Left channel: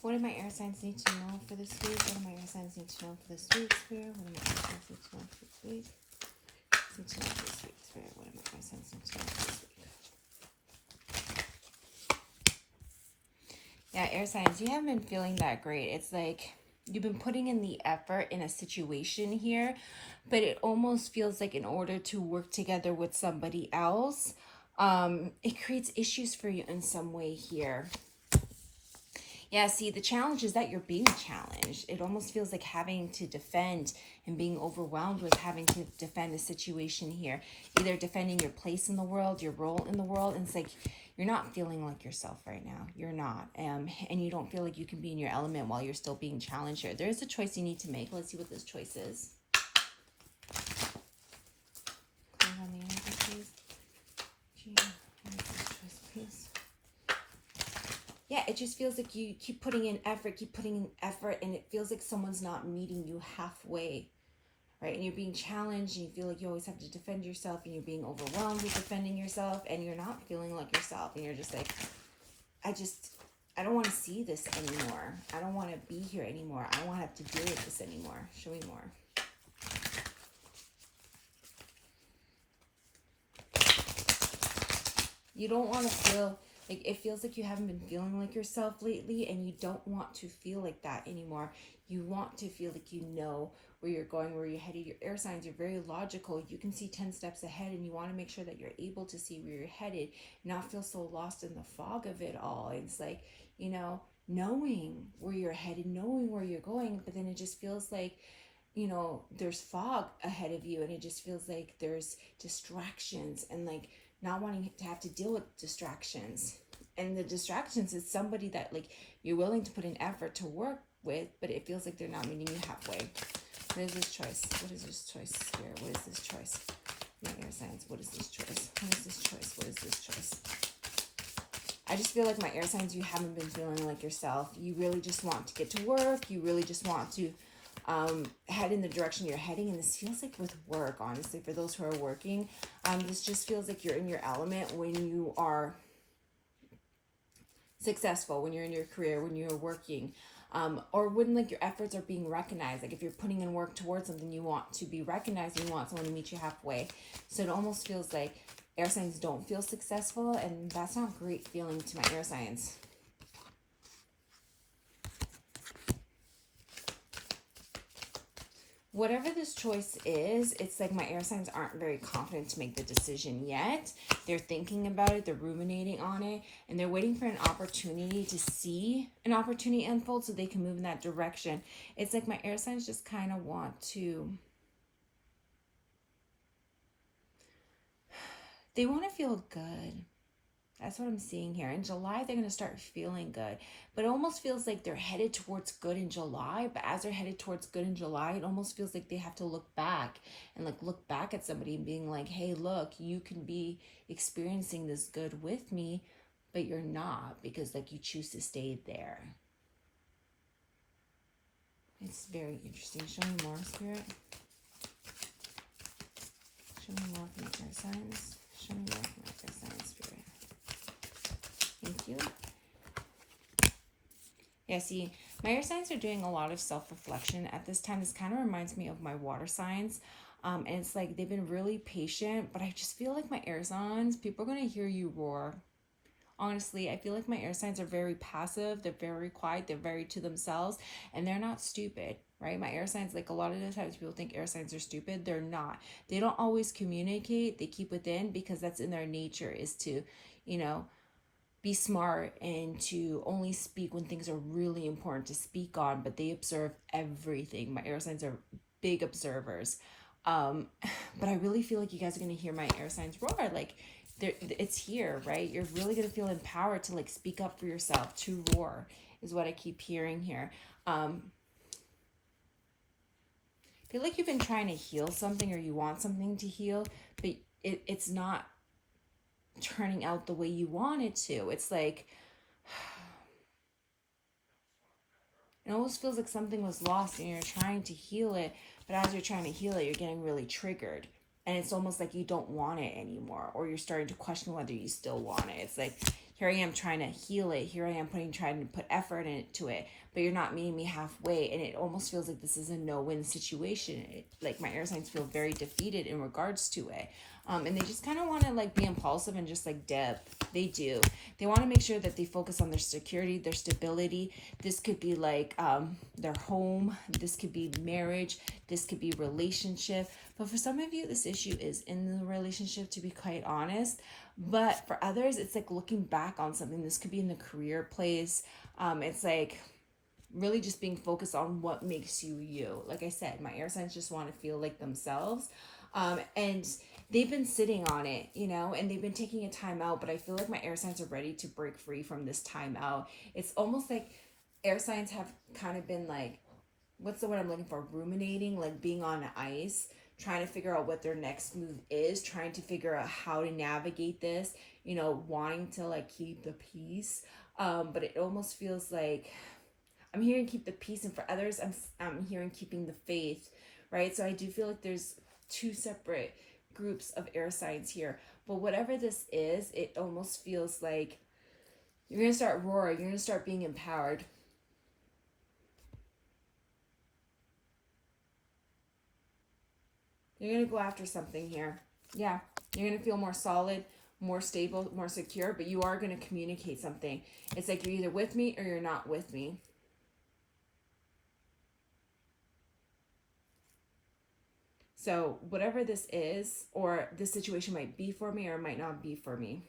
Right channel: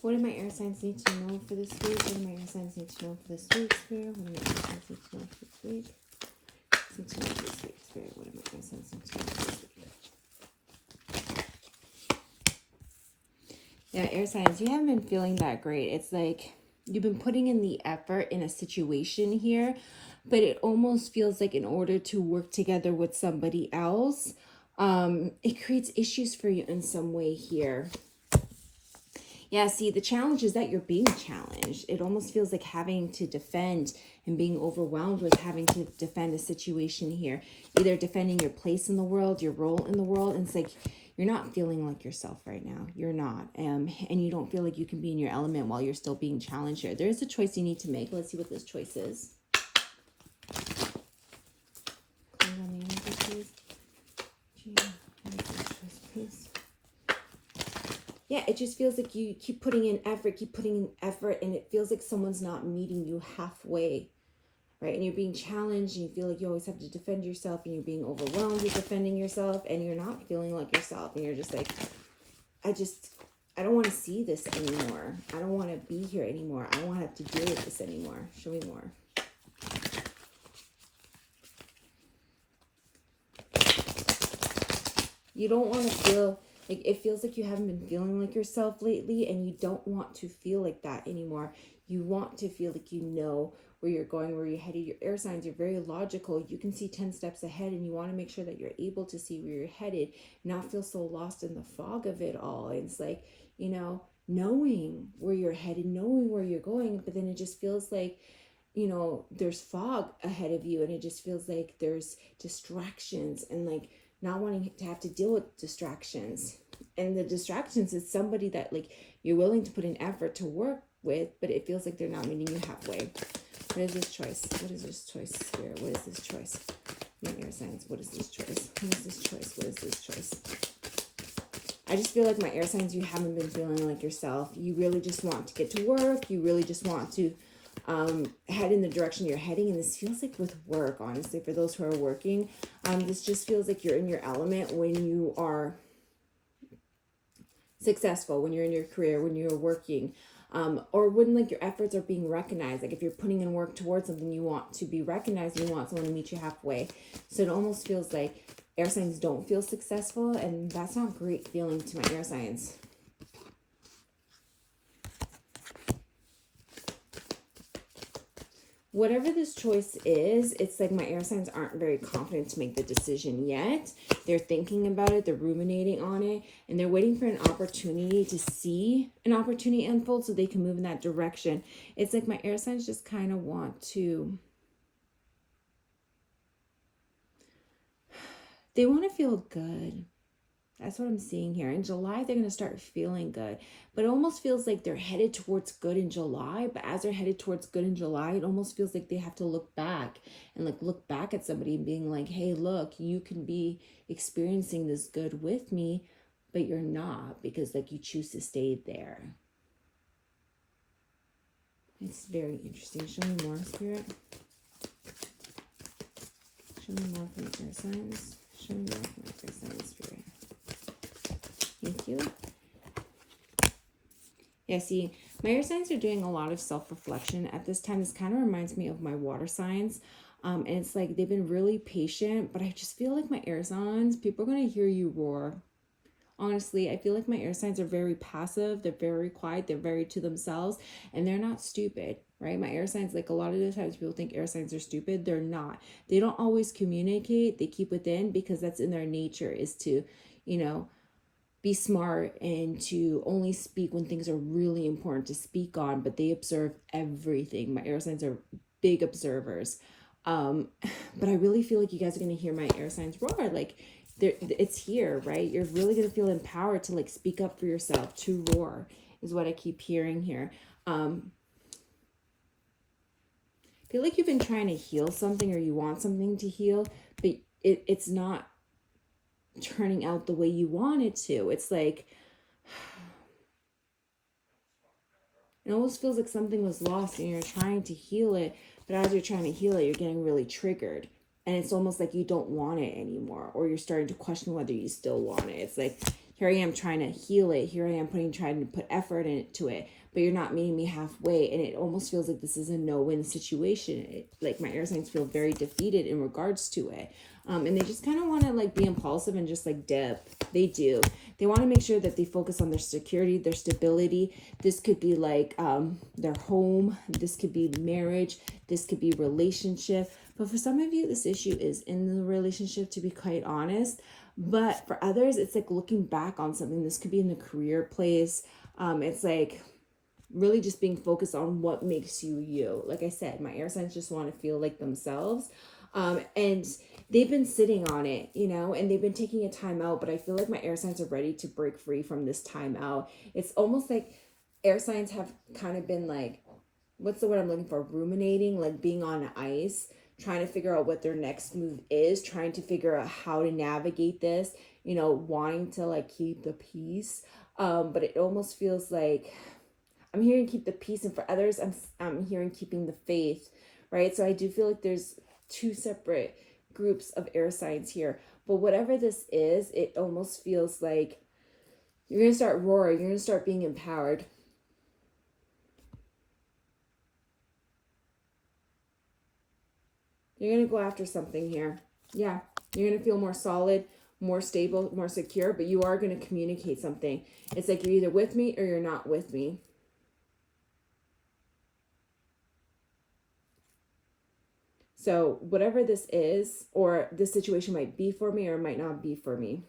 What do my air signs need to know for this week? What do my air signs need to know for this week, Spirit? What do my air signs need to know for this week? Need to know for this week, Spirit. What do my air signs need to know for this week? Yeah, air signs, you haven't been feeling that great. It's like you've been putting in the effort in a situation here, but it almost feels like in order to work together with somebody else, it creates issues for you in some way here. Yeah, see, the challenge is that you're being challenged. It almost feels like having to defend and being overwhelmed with having to defend a situation here. Either defending your place in the world, your role in the world, and it's like you're not feeling like yourself right now. You're not. And you don't feel like you can be in your element while you're still being challenged here. There is a choice you need to make. Let's see what this choice is. Clear on the energy, please. Please. Yeah, it just feels like you keep putting in effort, and it feels like someone's not meeting you halfway, right? And you're being challenged, and you feel like you always have to defend yourself, and you're being overwhelmed with defending yourself, and you're not feeling like yourself, and you're just like, I don't want to see this anymore. I don't want to be here anymore. I don't want to have to deal with this anymore. Show me more. You don't want to feel like, it feels like you haven't been feeling like yourself lately, and you don't want to feel like that anymore. You want to feel like you know where you're going, where you're headed. Your air signs are very logical. You can see 10 steps ahead, and you want to make sure that you're able to see where you're headed, not feel so lost in the fog of it all. It's like, you know, knowing where you're headed, knowing where you're going, but then it just feels like, you know, there's fog ahead of you, and it just feels like there's distractions, and like not wanting to have to deal with distractions. And the distractions is somebody that like you're willing to put an effort to work with, but it feels like they're not meeting you halfway. What is this choice? What is this choice, Spirit? What is this choice? My air signs, what is this choice? What is this choice? What is this choice? I just feel like my air signs, you haven't been feeling like yourself. You really just want to get to work. You really just want to head in the direction you're heading. And this feels like with work, honestly, for those who are working, this just feels like you're in your element when you are successful, when you're in your career, when you're working, or when like your efforts are being recognized. Like if you're putting in work towards something, you want to be recognized, and you want someone to meet you halfway. So it almost feels like air signs don't feel successful, and that's not a great feeling to my air signs. Whatever this choice is, it's like my air signs aren't very confident to make the decision yet. They're thinking about it, they're ruminating on it, and they're waiting for an opportunity to see an opportunity unfold so they can move in that direction. It's like my air signs just kind of want to, they want to feel good. That's what I'm seeing here. In July, they're going to start feeling good. But it almost feels like they're headed towards good in July. But as they're headed towards good in July, it almost feels like they have to look back and like look back at somebody and being like, hey, look, you can be experiencing this good with me, but you're not, because like you choose to stay there. It's very interesting. Show me more, Spirit. Show me more from the air signs. Show me more from the air signs, Spirit. Thank you. Yeah, see, my air signs are doing a lot of self-reflection at this time. This kind of reminds me of my water signs. And it's like they've been really patient, but I just feel like my air signs, people are going to hear you roar. Honestly, I feel like my air signs are very passive. They're very quiet. They're very to themselves, and they're not stupid, right? My air signs, like a lot of the times people think air signs are stupid. They're not. They don't always communicate. They keep within because that's in their nature, is to, you know, be smart and to only speak when things are really important to speak on, but they observe everything. My air signs are big observers. But I really feel like you guys are going to hear my air signs roar. Like it's here, right? You're really going to feel empowered to like speak up for yourself, to roar is what I keep hearing here. I feel like you've been trying to heal something, or you want something to heal, but it's not turning out the way you want it to. It's like, it almost feels like something was lost and you're trying to heal it, but as you're trying to heal it, you're getting really triggered. And it's almost like you don't want it anymore, or you're starting to question whether you still want it. It's like here I am trying to heal it. Here I am trying to put effort into it, but you're not meeting me halfway. And it almost feels like this is a no-win situation. Like my air signs feel very defeated in regards to it. And they just kind of want to like be impulsive and just like dip. They do. They want to make sure that they focus on their security, their stability. This could be like their home. This could be marriage. This could be relationship. But for some of you, this issue is in the relationship, to be quite honest. But for others, it's like looking back on something. This could be in the career place. It's like really just being focused on what makes you you. Like I said, my air signs just want to feel like themselves. And they've been sitting on it, you know, and they've been taking a time out, but I feel like my air signs are ready to break free from this time out. It's almost like air signs have kind of been like, what's the word I'm looking for? Ruminating, like being on ice, trying to figure out what their next move is, trying to figure out how to navigate this, you know, wanting to like keep the peace. But it almost feels like I'm hearing keep the peace, and for others, I'm hearing keeping the faith, right? So I do feel like there's two separate groups of air signs here. But whatever this is, it almost feels like you're going to start roaring. You're going to start being empowered. You're going to go after something here. Yeah, you're going to feel more solid, more stable, more secure, but you are going to communicate something. It's like you're either with me or you're not with me. So whatever this is, or this situation might be for me or might not be for me.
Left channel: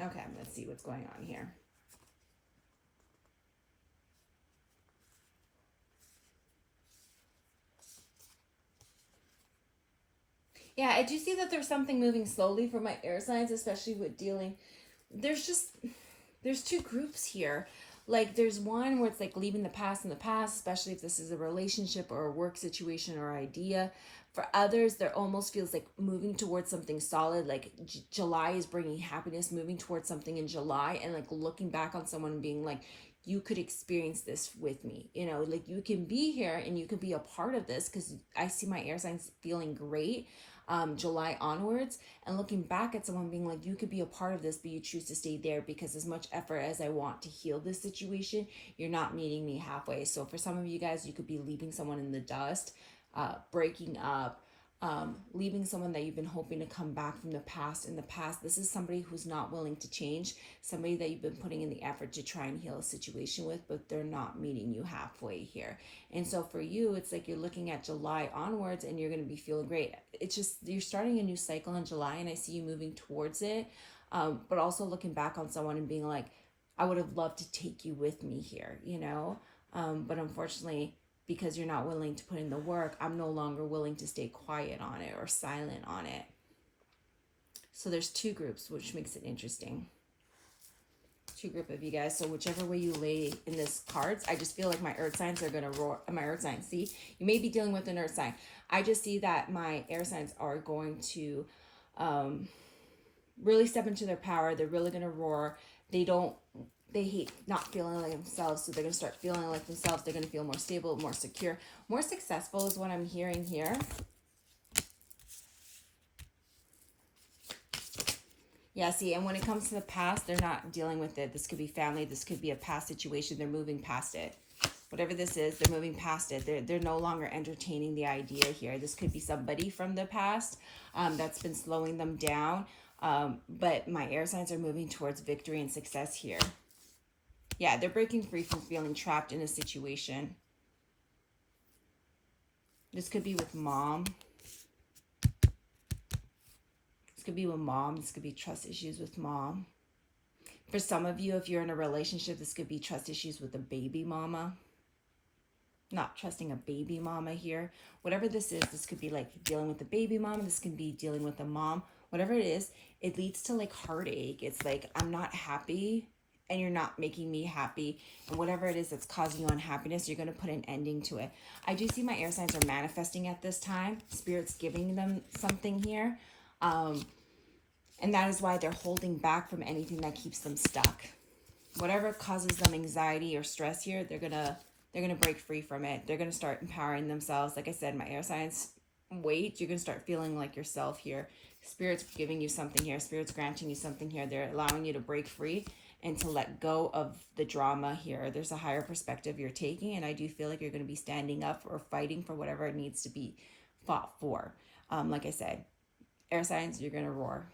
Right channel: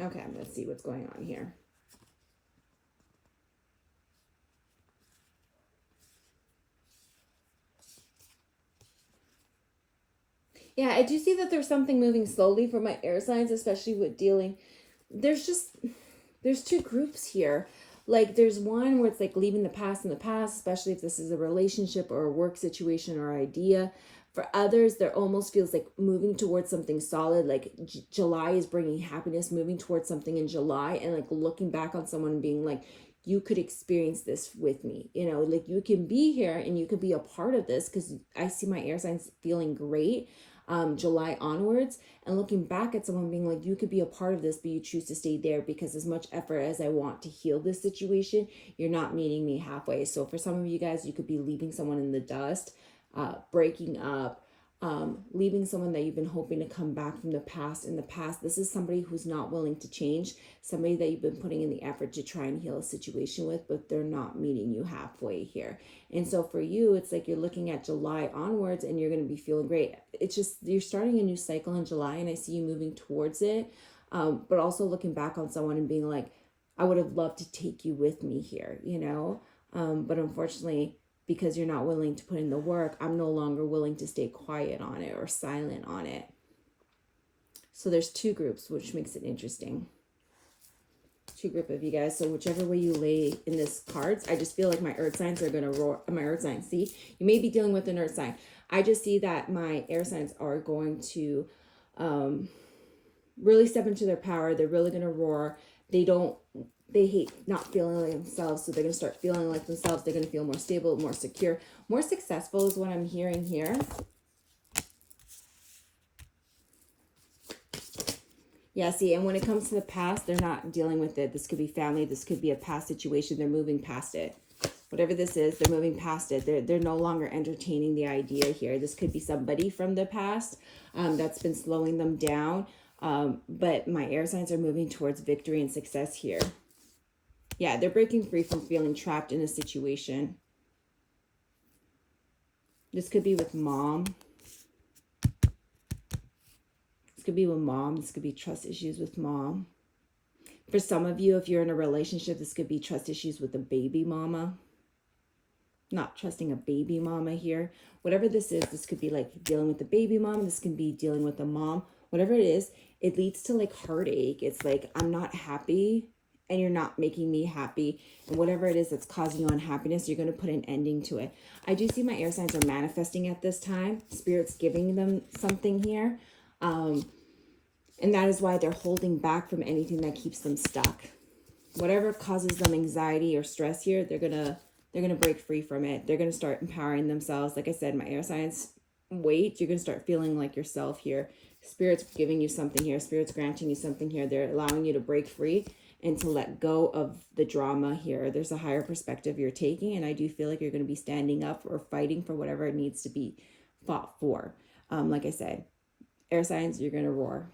Okay, let's see what's going on here. Yeah, I do see that there's something moving slowly for my air signs, especially with dealing. There's two groups here. Like there's one where it's like leaving the past in the past, especially if this is a relationship or a work situation or idea. For others, there almost feels like moving towards something solid. Like July is bringing happiness, moving towards something in July, and like looking back on someone and being like, you could experience this with me. You know, like you can be here and you could be a part of this, because I see my air signs feeling great. July onwards, and looking back at someone being like, you could be a part of this, but you choose to stay there because as much effort as I want to heal this situation, you're not meeting me halfway. So for some of you guys, you could be leaving someone in the dust, breaking up, leaving someone that you've been hoping to come back from the past. In the past, this is somebody who's not willing to change, somebody that you've been putting in the effort to try and heal a situation with, but they're not meeting you halfway here. And so for you, it's like you're looking at July onwards and you're going to be feeling great. It's just you're starting a new cycle in July, and I see you moving towards it, but also looking back on someone and being like, I would have loved to take you with me here, you know, but unfortunately, because you're not willing to put in the work, I'm no longer willing to stay quiet on it or silent on it. So there's two groups, which makes it interesting. Two group of you guys. So whichever way you lay in this cards, I just feel like my earth signs are going to roar. My earth signs, see, you may be dealing with an earth sign. I just see that my air signs are going to really step into their power. They're really going to roar. They hate not feeling like themselves, so they're going to start feeling like themselves. They're going to feel more stable, more secure, more successful is what I'm hearing here. Yeah, see, and when it comes to the past, they're not dealing with it. This could be family. This could be a past situation. They're moving past it. Whatever this is, they're moving past it. They're no longer entertaining the idea here. This could be somebody from the past that's been slowing them down. But my air signs are moving towards victory and success here. Yeah, they're breaking free from feeling trapped in a situation. This could be with mom. This could be with mom. This could be trust issues with mom. For some of you, if you're in a relationship, this could be trust issues with a baby mama. Not trusting a baby mama here. Whatever this is, this could be like dealing with the baby mom. This can be dealing with a mom. Whatever it is, it leads to like heartache. It's like, I'm not happy and you're not making me happy. And whatever it is that's causing you unhappiness, you're going to put an ending to it. I do see my air signs are manifesting at this time. Spirit's giving them something here. And that is why they're holding back from anything that keeps them stuck. Whatever causes them anxiety or stress here, they're gonna break free from it. They're gonna start empowering themselves. Like I said, my air signs weight, you're going to start feeling like yourself here. Spirit's giving you something here. Spirit's granting you something here. They're allowing you to break free and to let go of the drama here. There's a higher perspective you're taking, and I do feel like you're going to be standing up or fighting for whatever it needs to be fought for. Like I said, air signs, you're going to roar.